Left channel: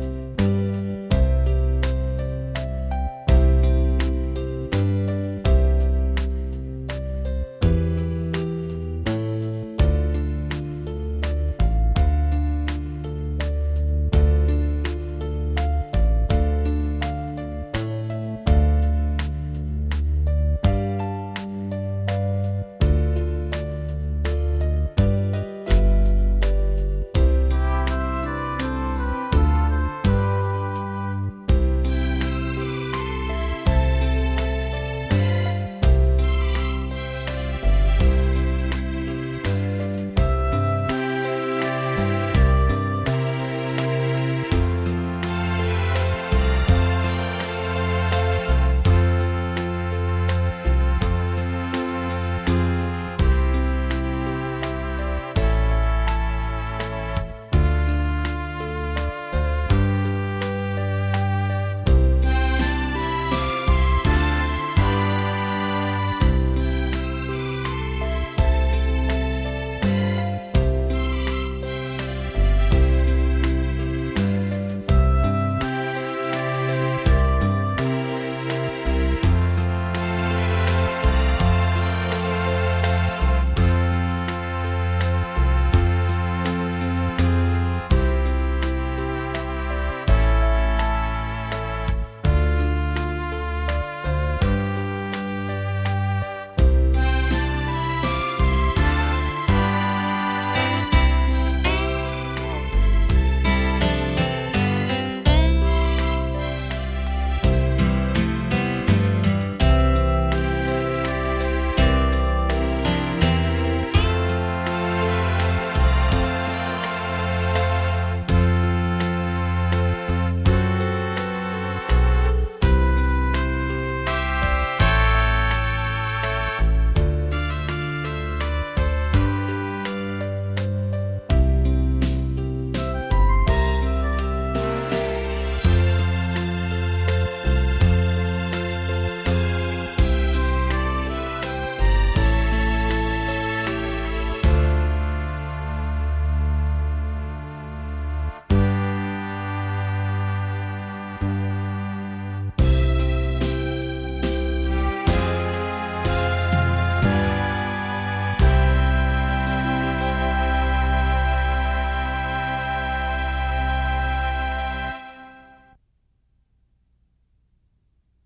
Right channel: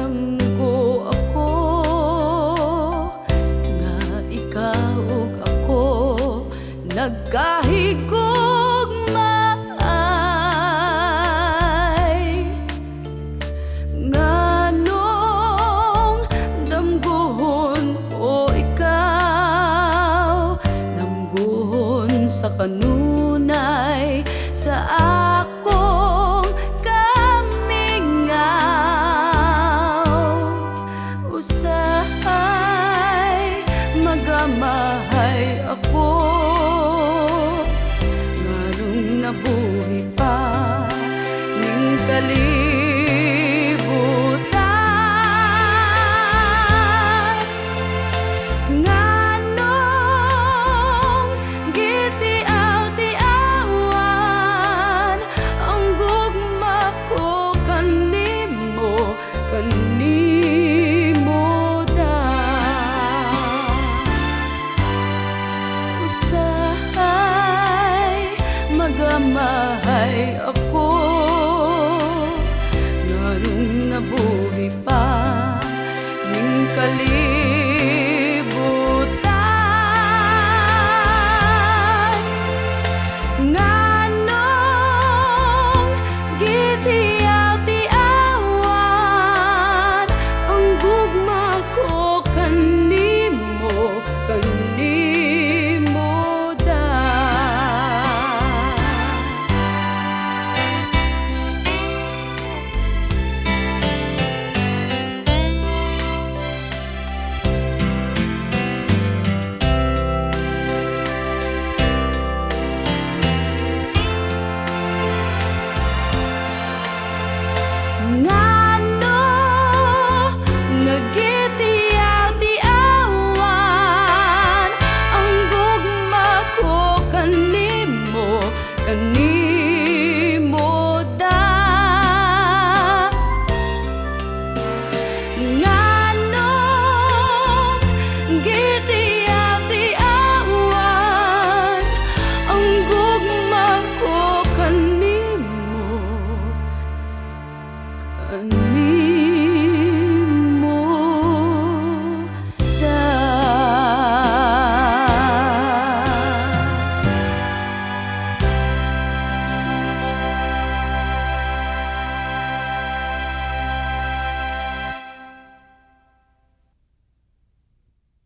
ko ako nga ikaw ug ako nagkahigugmaay. Nganong damguhon ko ikaw, damguhon sa kanunay sa akong kamingaw. Usahay magamahay ako, nganong nabuhi pa ning kalibutan. Nganong gitiaw-tiawan ang gugma ko kanimo, kanimo daan. Usahay magamahay ako, nganong nabuhi pa ning kalibutan. Nganong gitiaw-tiawan ang gugma ko kanimo, kanimo daan. Ngano nagitiaw-tiawan ang gugma ko kanimo, kanimo daan.